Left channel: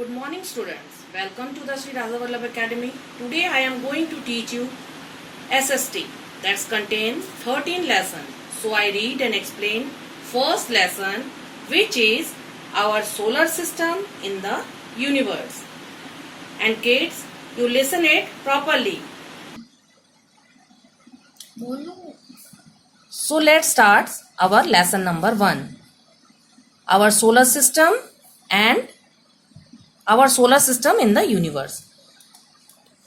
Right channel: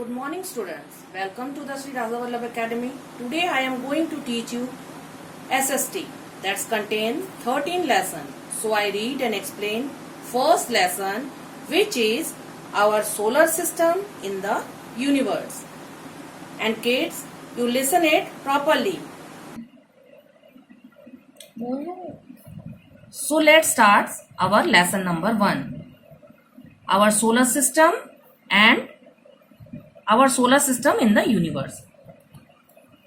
Good morning students. Welcome to the Sri Raja Vallabh Academy. Today I am going to teach you SST that's contain 13 lessons. So I read and explain first lesson, which is our solar system in the universe. And kids, you listen it properly. So let's start our lesson number 1. Our solar system and our solar system in the universe.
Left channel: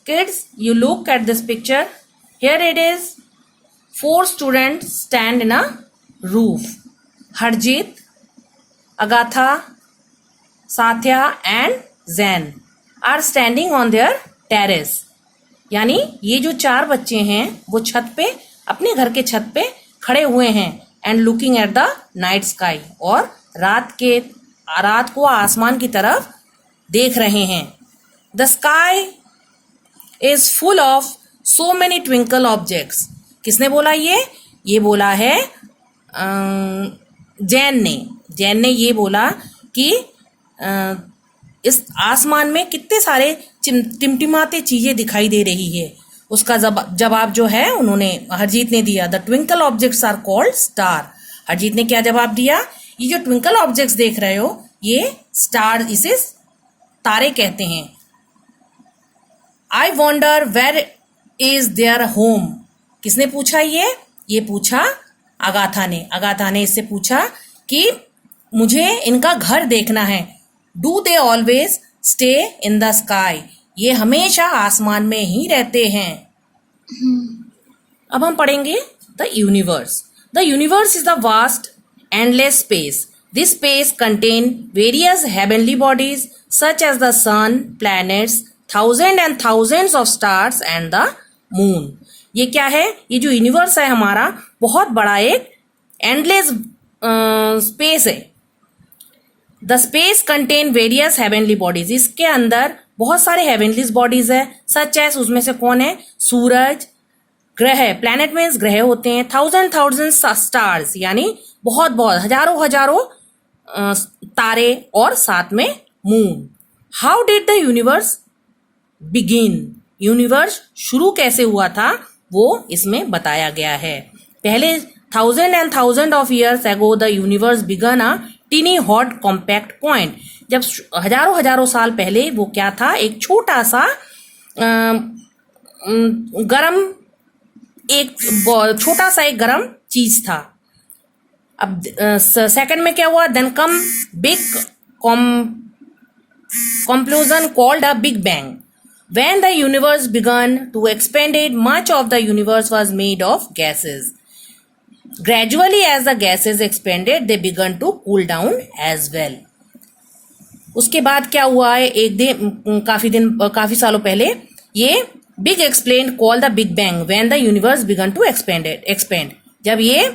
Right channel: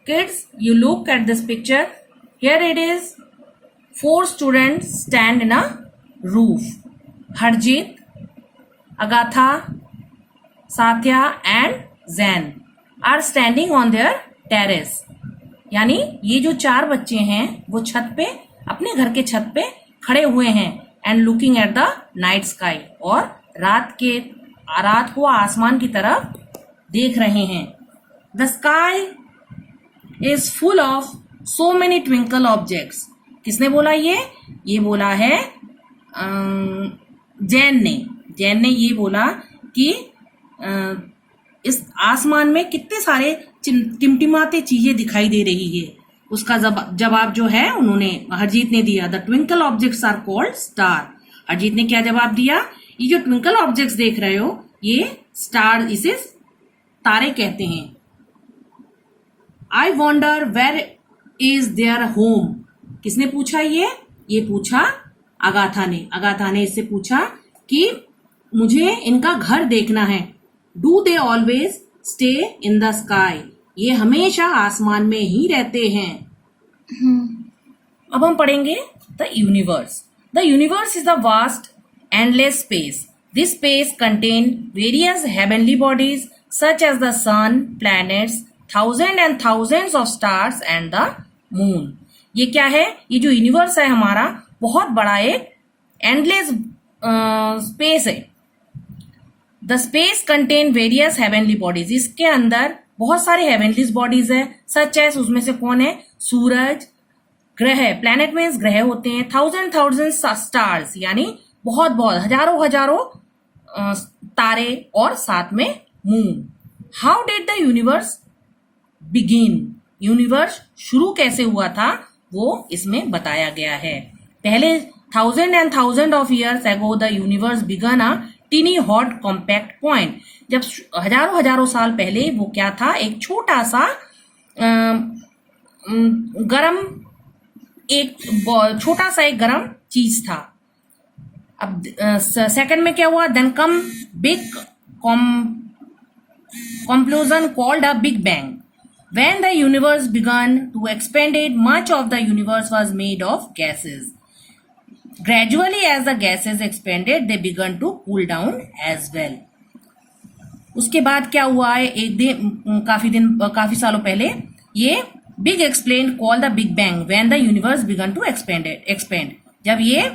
Kids, you look at this picture. Here it is. 4 students stand in a roof. Harjeet, Agatha, Satya and Zain are standing on their terrace. यानी ये जो 4 बच्चे हैं वो छत पे, अपने घर के छत पे खड़े हुए हैं and looking at the night sky, और रात को आसमान की तरफ देख रहे हैं. The sky is full of so many twinkle objects. किसने बोला ये बोला है जैन ने ये बोला कि इस आसमान में कितने सारे टिमटिमाते चीजें दिखाई दे रही है. उसका जवाब जो है उन्होंने हरजीत ने दिया. The twinkle objects are called star. Harjeet ने क्या जवाब दिया? ये जो ट्विंकल ऑब्जेक्ट्स देख रहे हो ये स्टार, इसे तारे कहते हैं. I wonder where is their home. किसने पूछा ये पूछा अगाथा ने इससे पूछा कि मुझे इनका घर देखना है. Do they always stay in the sky. ये हमेशा आसमान में ही रहते हैं. अब हम पढ़ेंगे the universe. The universe is the vast endless space. This space contain various heavenly bodies such as the sun, planets, thousands and thousands of stars and the moon. ये क्या है? ये जो यूनिवर्स है हमारा बहुत बड़ा एक एंडलेस स्पेस है. The space contain various heavenly bodies. इसके अंदर बहुत सारे हेवनली बॉडीज है. सच एज, उसमें से कौन है? सूरज, ग्रह, प्लैनेट मीन्स ग्रह होते हैं. थाउजेंड स्टार्स यानी बहुत हजारों तारे, और साथ में moon. How did the universe begin. Universe शुरू कैसे हुआ था वो इसमें बताया गया है. पहले thousand of years ago the universe began a tiny hot compact point. जब हजारों साल पहले वो क्या था? एक छोटा सा एक गरम चीज था. अब सेकंड में क्या हुआ? Then come big conclusion called a big bang. When the universe began to expanded, much of the universe was made of gases. Gradually as the gases expanded they began to cool down as well. उसके बाद क्या हुआ है? काफी सालों पहले ये big explain called the big bang when the universe began to expand. जब ये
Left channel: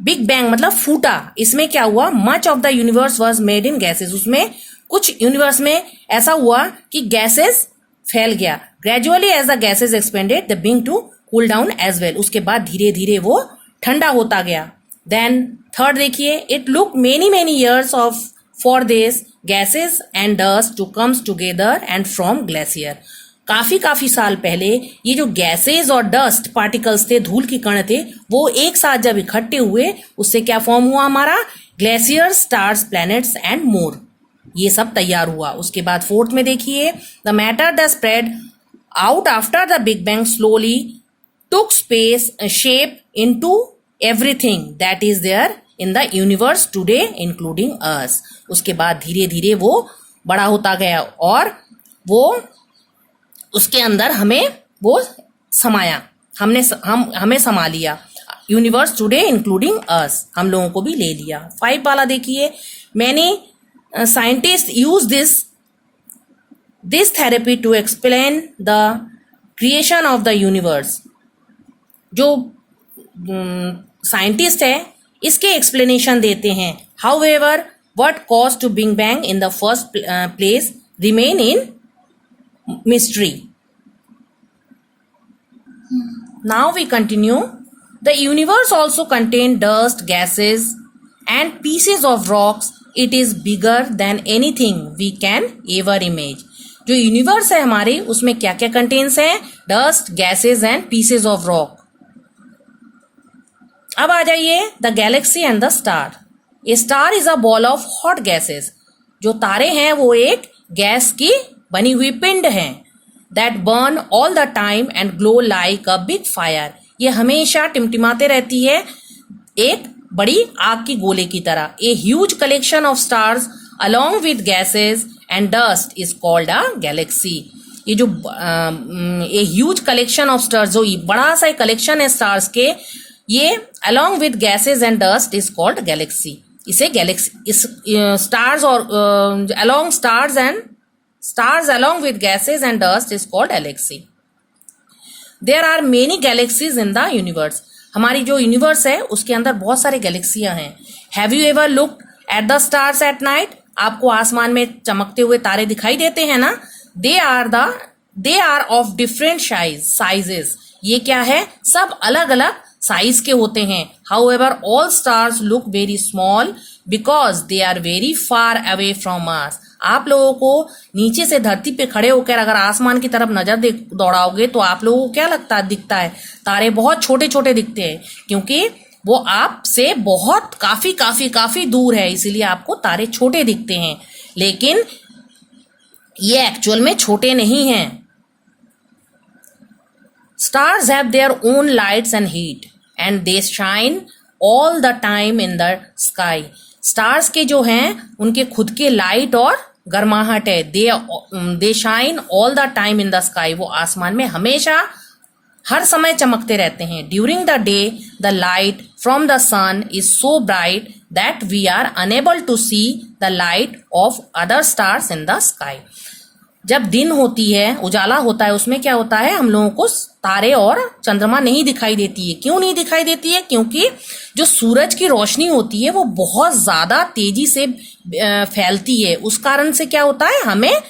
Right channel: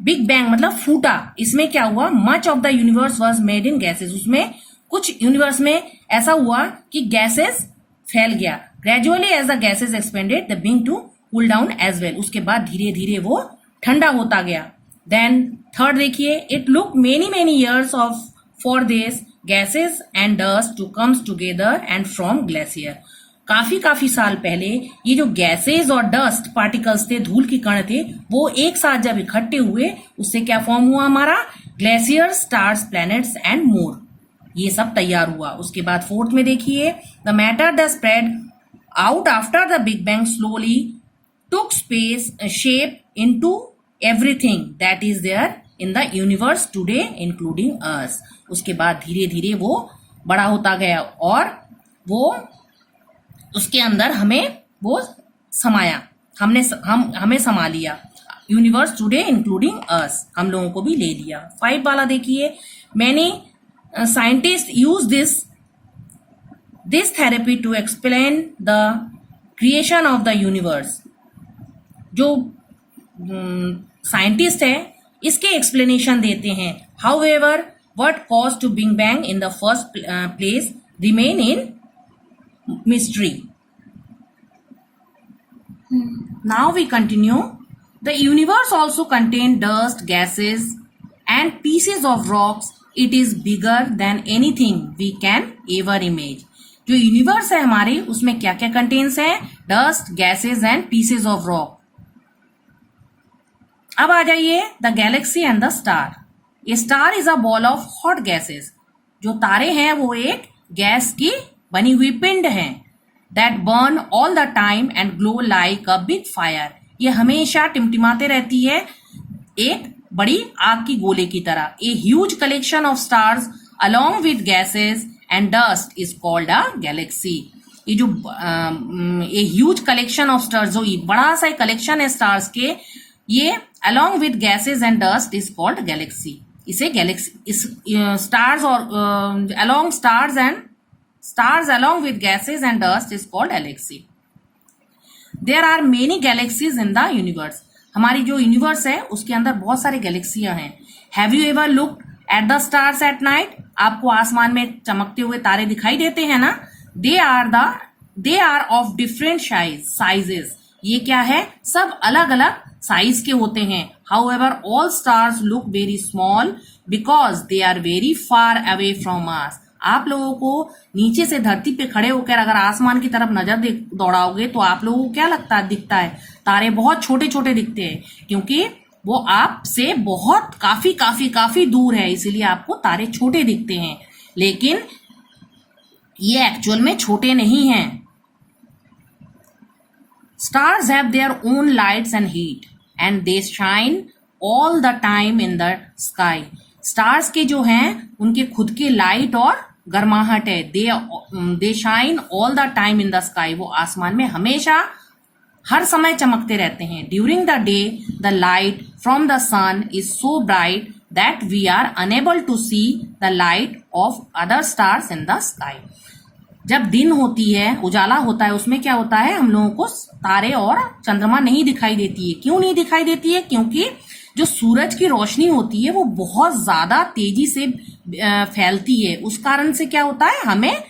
बिग बैंग मतलब फूटा, इसमें क्या हुआ? Much of the universe was made in gases. उसमें कुछ यूनिवर्स में ऐसा हुआ कि गैसेस फैल गया. Gradually as the gases expanded the बिंग to cool down as well. उसके बाद धीरे धीरे वो ठंडा होता गया. देन थर्ड देखिए, it look many years of for this gases and dust to comes together and from glacier. काफी साल पहले ये जो गैसेस और डस्ट पार्टिकल्स थे, धूल के कण थे, वो एक साथ जब इकट्ठे हुए उससे क्या फॉर्म हुआ हमारा? Glacier, stars, planets and more. ये सब तैयार हुआ. उसके बाद फोर्थ में देखिए, the matter that spread out after the big bang slowly took space shape into everything that is there in the universe today including us. उसके बाद धीरे धीरे वो बड़ा होता गया और वो उसके अंदर हमें वो समाया, हमें समा लिया. यूनिवर्स टुडे इंक्लूडिंग अस, हम लोगों को भी ले लिया. 5 वाला देखिए, many scientist use this therapy to explain the creation of the universe. जो साइंटिस्ट है इसके एक्सप्लेनेशन देते हैं. However what cause to big bang in the first place remain in mystery. Now we continue. The universe also contained dust, gases and pieces of rocks it is bigger than anything we can ever image. जो universe है हमारे, उसमें क्या क्या contains है? Dust, gases and pieces of rock. अब आ जाइए the galaxy and the star. A star is a ball of hot gases. जो तारे हैं वो एक गैस की बनी हुई पिंड हैं। That burn all the time and glow like a big fire. ये हमेशा टिमटिमाते रहती है एक बड़ी आग की गोले की तरह। A huge collection of stars along with gases and dust is called a galaxy. ये जो a huge collection of stars, जो बड़ा सा कलेक्शन है स्टार्स के, ये along with gases and dust is called galaxy. इसे गैलेक्सी, इस स्टार्स और along stars and stars along with gases and dust is called galaxy. There are many galaxies in the universe. हमारी जो universe है उसके अंदर बहुत सारे गैलेक्सियां हैं। Have you ever looked at the stars at night? आपको आसमान में चमकते हुए तारे दिखाई देते हैं ना? They are of different sizes. ये क्या है? सब अलग अलग साइज के होते हैं। However all stars look very small because they are very far away from us. आप लोगों को नीचे से धरती पे खड़े होकर अगर आसमान की तरफ नजर दौड़ाओगे तो आप लोगों को क्या दिखता है? तारे बहुत छोटे छोटे दिखते हैं, क्योंकि वो आपसे बहुत काफी काफी काफी दूर है, इसीलिए आपको तारे छोटे दिखते हैं। लेकिन ये एक्चुअल में छोटे नहीं हैं। Stars have their own lights and heat and they shine all the time in the sky. Stars के जो हैं उनके खुद के लाइट और गर्माहट है। They shine all the time in the sky. वो आसमान में हमेशा हर समय चमकते रहते हैं। During the day, the light from the sun is so bright that we are unable to see the light of other stars in the sky. जब दिन होती है, उजाला होता है, उसमें क्या होता है? हम लोगों को तारे और चंद्रमा नहीं दिखाई देती है। क्यों नहीं दिखाई देती है? क्योंकि जो सूरज की रोशनी होती है वो बहुत ज्यादा तेजी से फैलती है। उस कारण से क्या होता है? हमें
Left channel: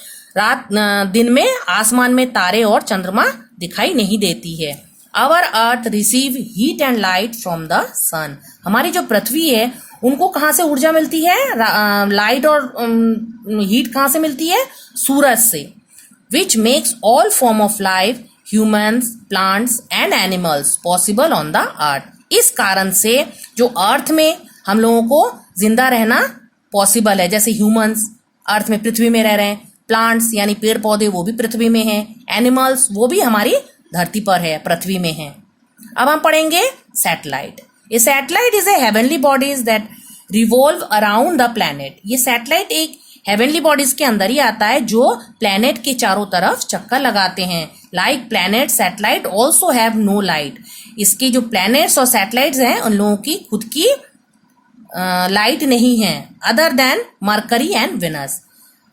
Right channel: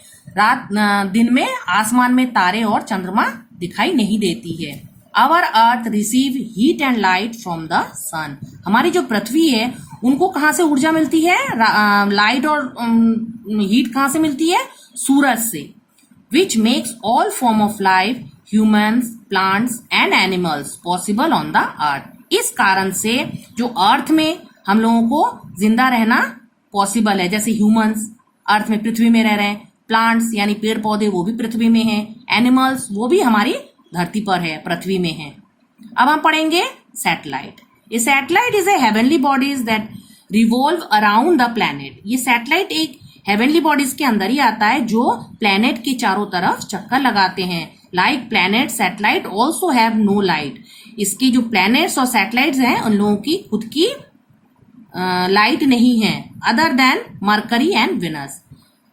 दिन में आसमान में तारे और चंद्रमा दिखाई नहीं देती है। Our earth receive heat and light from the sun. हमारी जो पृथ्वी है उनको कहाँ से ऊर्जा मिलती है? लाइट और हीट कहाँ से मिलती है? सूरज से। Which makes all form of life, humans, plants and animals possible on the earth. इस कारण से जो अर्थ में हम लोगों को जिंदा रहना पॉसिबल है, जैसे ह्यूमन्स अर्थ में पृथ्वी में रह रहे हैं, प्लांट्स यानी पेड़ पौधे वो भी पृथ्वी में हैं, एनिमल्स वो भी हमारी धरती पर है, पृथ्वी में है। अब हम पढ़ेंगे satellite. A satellite is a heavenly bodies that revolve around the planet. ये सैटेलाइट एक हेवनली बॉडीज के अंदर ही आता है जो प्लैनेट के चारों तरफ चक्कर लगाते हैं। Like planet, satellite also have no light. इसके जो प्लैनेट्स और सैटेलाइट्स हैं उन लोगों की खुद की लाइट नहीं है। Other than Mercury and Venus.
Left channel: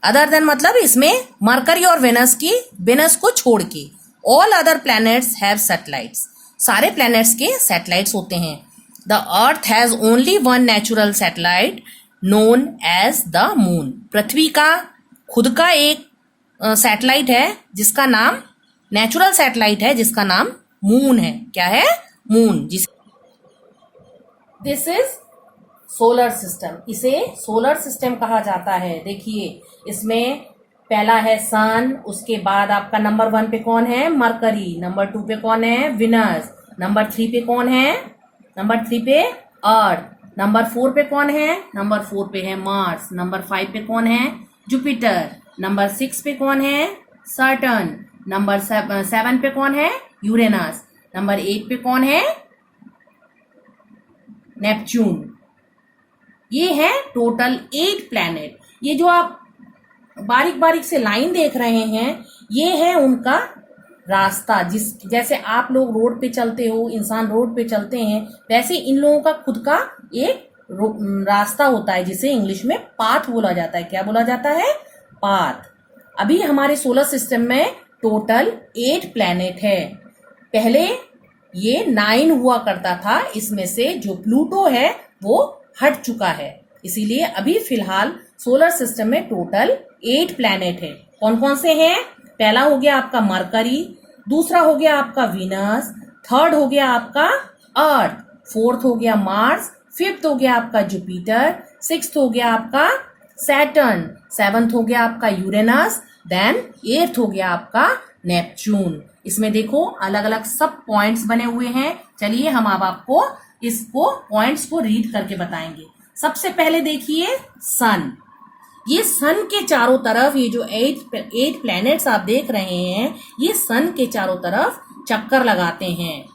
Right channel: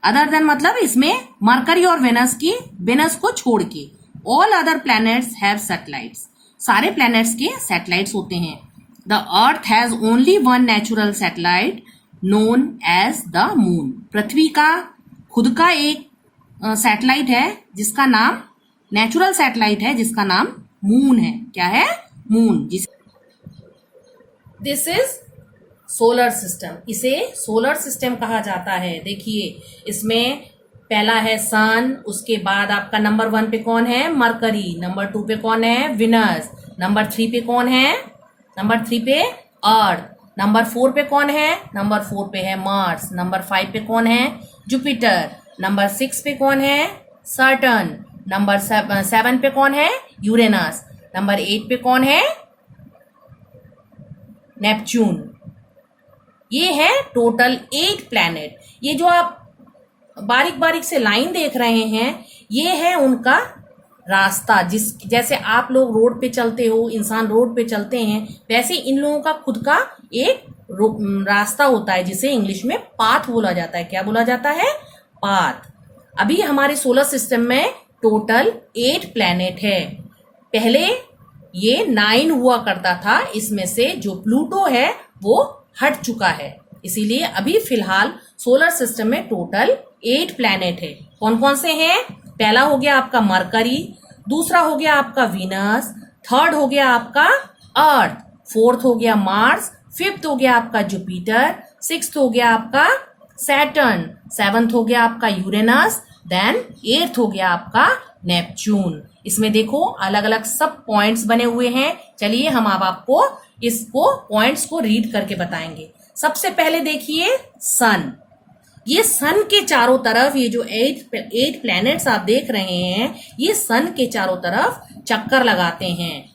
Other than मतलब इसमें मरकरी और वेनस को छोड़ के all other planets have satellites. सारे प्लैनेट्स के सैटेलाइट्स होते हैं। The earth has only one natural satellite known as the moon. पृथ्वी का खुद का एक सैटेलाइट है जिसका नाम, नेचुरल सैटेलाइट है जिसका नाम मून है। क्या है? Moon. This is solar system. इसे सोलर सिस्टम कहा जाता है। देखिए इसमें पहला है सन, उसके बाद आपका नंबर 1 पे कौन है? मरकरी। नंबर 2 पे कौन है? विनस। नंबर 3 पे कौन है? नंबर 3 पे अर्थ। नंबर 4 पे कौन है? नंबर 4 पे है मार्स। नंबर 5 पे कौन है? जुपिटर। नंबर 6 पे कौन है? सैटर्न। नंबर 7 पे कौन है? यूरेनस। नंबर 8 पे कौन है? नेपच्यून। ये है टोटल 8 प्लैनेट। ये जो आप बारीक बारीक से लाइन देख रहे हैं ये है उनका रास्ता। जैसे आप लोग रोड पे चलते हो, इंसान रोड पे चलते हैं, वैसे इन लोगों का खुद का एक रास्ता होता है जिसे इंग्लिश में पाथ बोला जाता है। क्या बोला जाता है? पाथ। अभी हमारे सोलर सिस्टम में टोटल 8 प्लैनेट है। पहले ये 9 हुआ करता था, इसमें से जो प्लूटो है वो हट चुका है, इसीलिए अभी फिलहाल सोलर सिस्टम में टोटल 8 प्लैनेट है। कौन कौन से हैं? पहला हो गया आपका मरकरी, दूसरा हो गया आपका वीनस, थर्ड हो गया आपका अर्थ, फोर्थ हो गया मार्स, फिफ्थ हो गया आपका जुपिटर, सिक्स्थ हो गया आपका सैटर्न, सेवंथ हो गया आपका यूरेनस, देन एट्थ हो गया आपका नेपच्यून। इसमें देखो अलग अलग सब पॉइंट्स बने हुए हैं। चलिए हम अब आपको इसको पॉइंट्स को रीड करके बताएंगे। सबसे पहले देखिए सन। ये सन के चारों तरफ, ये जो एट प्लैनेट्स आप देख रहे हैं, ये सन के चारों तरफ चक्कर लगाते हैं।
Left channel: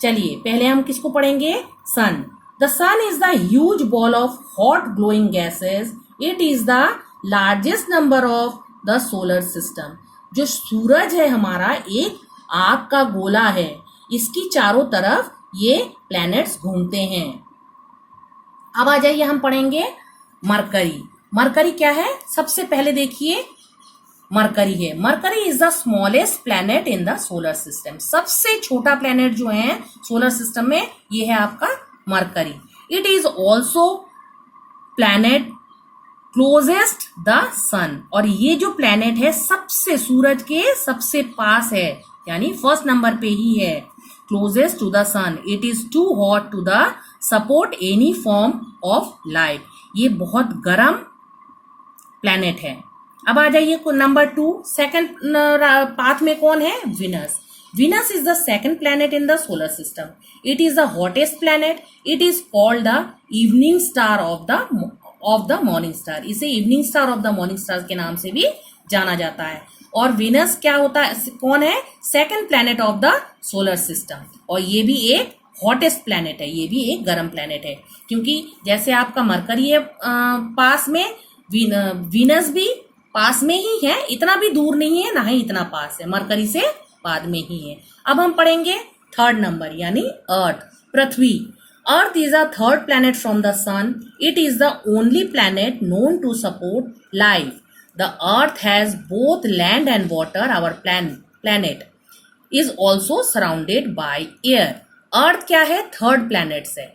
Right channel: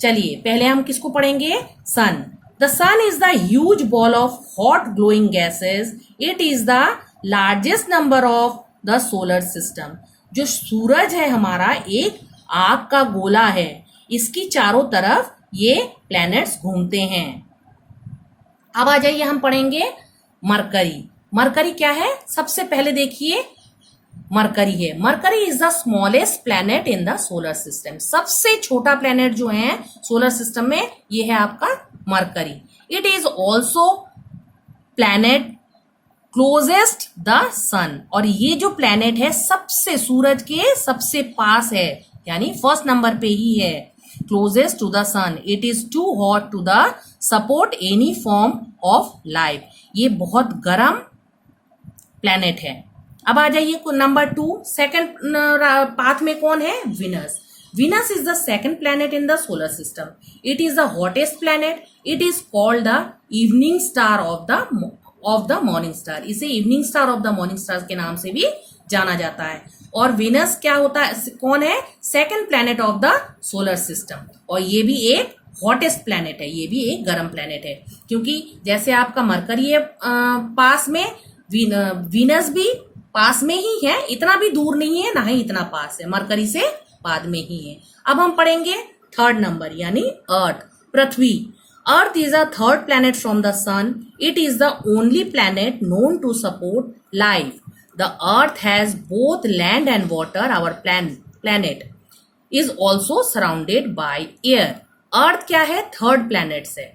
चलिए पहले हम किसको पढ़ेंगे? Sun. The sun is the huge ball of hot glowing gases. It is the largest number of the solar system. जो सूरज है हमारा एक आग का गोला है, इसकी चारों तरफ ये प्लैनेट्स घूमते हैं। अब आ जाइए हम पढ़ेंगे मरकरी। मरकरी क्या है? सबसे पहले देखिए मरकरी है। Mercury is the smallest planet in the solar system. सबसे छोटा प्लैनेट जो है सोलर सिस्टम में ये है आपका Mercury. It is also planet closest the sun. और ये जो प्लैनेट है सबसे सूरज के सबसे पास है, यानी फर्स्ट नंबर पे ही है, closest to the sun. It is too hot to the support any form of life. ये बहुत गर्म प्लैनेट है। अब आ जाइए नंबर 2, सेकंड पाथ में कौन है? Venus. Venus is the second planet in the solar system. It is the hottest planet. It is called the evening star of the morning star. इसे evening star of the morning star के नाम से भी जाना जाता है। और Venus क्या होता है, कौन है? Second planet of the solar system. और ये भी एक हॉटेस्ट प्लैनेट है, ये भी एक गर्म प्लैनेट है। क्योंकि जैसे आपका मरकरी है पास में, वीनस भी पास में ही है, इतना भी दूर नहीं है ना ही इतना पास है, मरकरी से बाद में ही है। अब हम पढ़ेंगे थर्ड नंबर यानी अर्थ, पृथ्वी। Earth is a third planet from the sun. It is the only planet known to support life. The earth has both land and water. Our planet is also surrounded by air. Earth क्या है? Third planet से,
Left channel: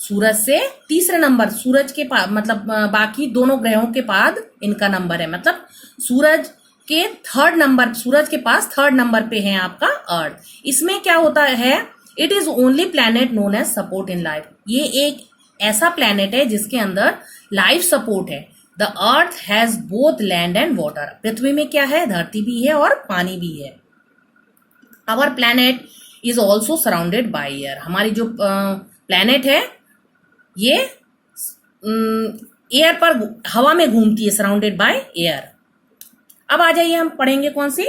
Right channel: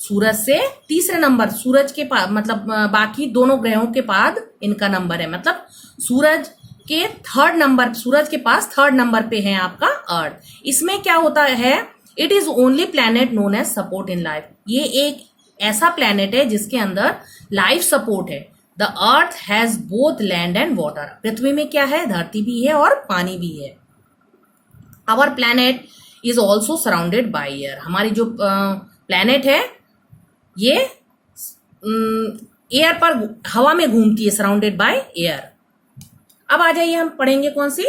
सूरज से तीसरे number, सूरज के पास मतलब बाकी दोनों ग्रहों के बाद इनका नंबर है, मतलब सूरज के थर्ड नंबर, सूरज के पास थर्ड नंबर पे है आपका अर्थ। इसमें क्या होता है? It is only planet known as support in life. ये एक ऐसा प्लैनेट है जिसके अंदर लाइफ सपोर्ट है। The earth has both land and water. पृथ्वी में क्या है? धरती भी है और पानी भी है। Our planet is also surrounded by air. हमारी जो प्लैनेट है ये एयर पर, हवा में घूमती है, सराउंडेड बाय एयर। अब आ जाइए हम पढ़ेंगे कौन सी?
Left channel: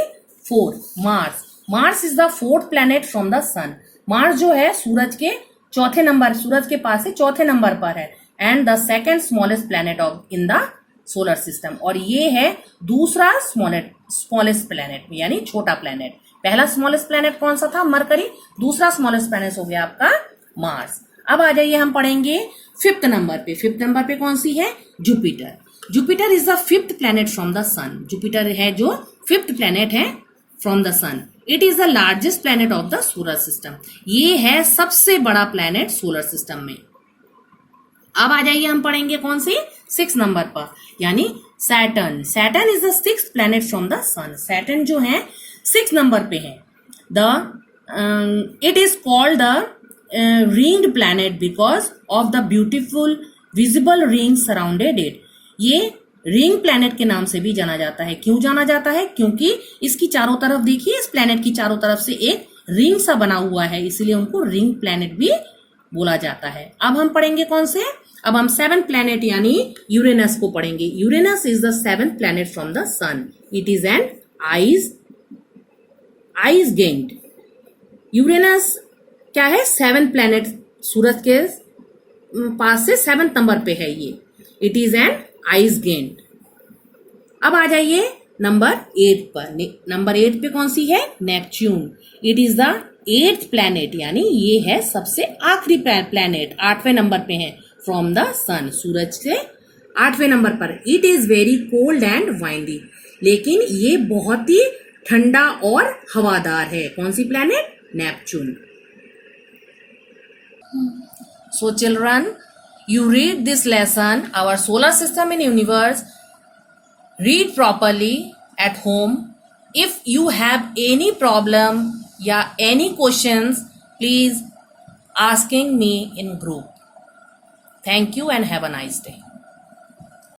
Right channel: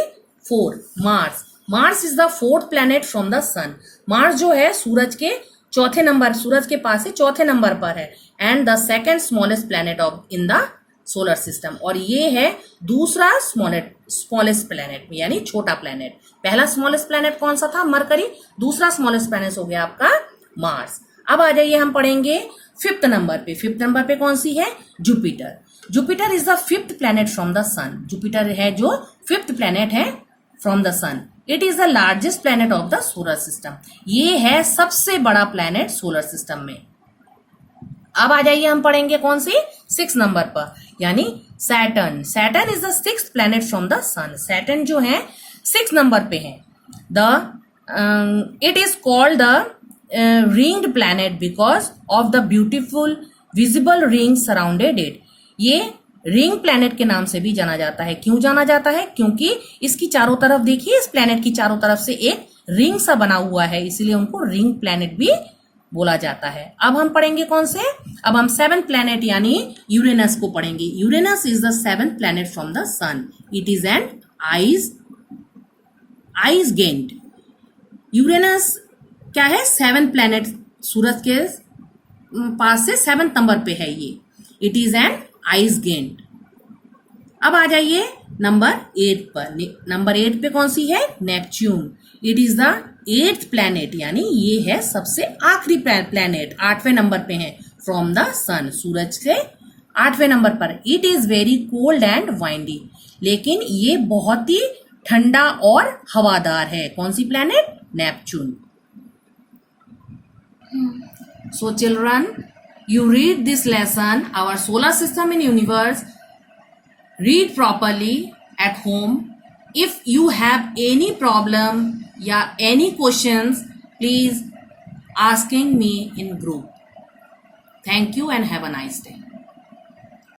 4, Mars. Mars is the fourth planet from the sun. Mars जो है सूरज के चौथे नंबर, सूरज के पास से चौथे नंबर पर है, and the second smallest planet of in the solar system. और ये है दूसरा स्मॉलेस्ट प्लैनेट, यानी छोटा प्लैनेट। पहला स्मॉलेस्ट प्लैनेट कौन सा था? मरकरी। दूसरा स्मॉलेस्ट प्लैनेट हो गया आपका मार्स। अब आ जाइए हम पढ़ेंगे फिफ्थ नंबर पे। फिफ्थ नंबर पे कौन सी है? Jupiter. Jupiter is the fifth planet from the sun. Jupiter है जो फिफ्थ प्लैनेट है from the sun. It is the largest planet of the solar system. ये है सबसे बड़ा प्लैनेट सोलर सिस्टम में। अब आ जाइए हम पढ़ेंगे कौन सी? 6 नंबर पर, यानी Saturn. Saturn is the sixth planet from the sun. Saturn जो है 6 नंबर पे है। It is called the ringed planet because of the beautiful visible rings surrounded it. ये रिंग प्लैनेट के नाम से भी जाना जाता है। क्यों जाना जाता है? क्योंकि इसकी चारों तरफ देखिए, इस प्लैनेट की चारों तरफ से एक रिंग सा बना हुआ है, इसलिए उनको रिंग प्लैनेट भी बोला जाता है। अब हम पढ़ेंगे कौन से? अब हम 7th प्लैनेट यानी यूरेनस को पढ़ेंगे। Uranus is the 7th planet from the sun. It is an ice giant. Uranus क्या है? 7th प्लैनेट, सूरज के पास से 7th नंबर पे है ये। It is an ice giant. अब आ जाइए नंबर 8 पर। नंबर 8 पे कौन सी है? Neptune. It is the 8th planet, यानी ये है सबसे आखिरी प्लैनेट, 8वें नंबर पे है फ्रॉम द सन, सूरज से 8वें नंबर पर। It is very cold and windy. लेकिन ये बहुत ही ठंडा और हवादार है। कौन सी planet? Neptune. So children, you read this lesson, our solar system and universe. Read properly at home. If you have any problem या any questions, please asking me in group. Thank you and have a nice day.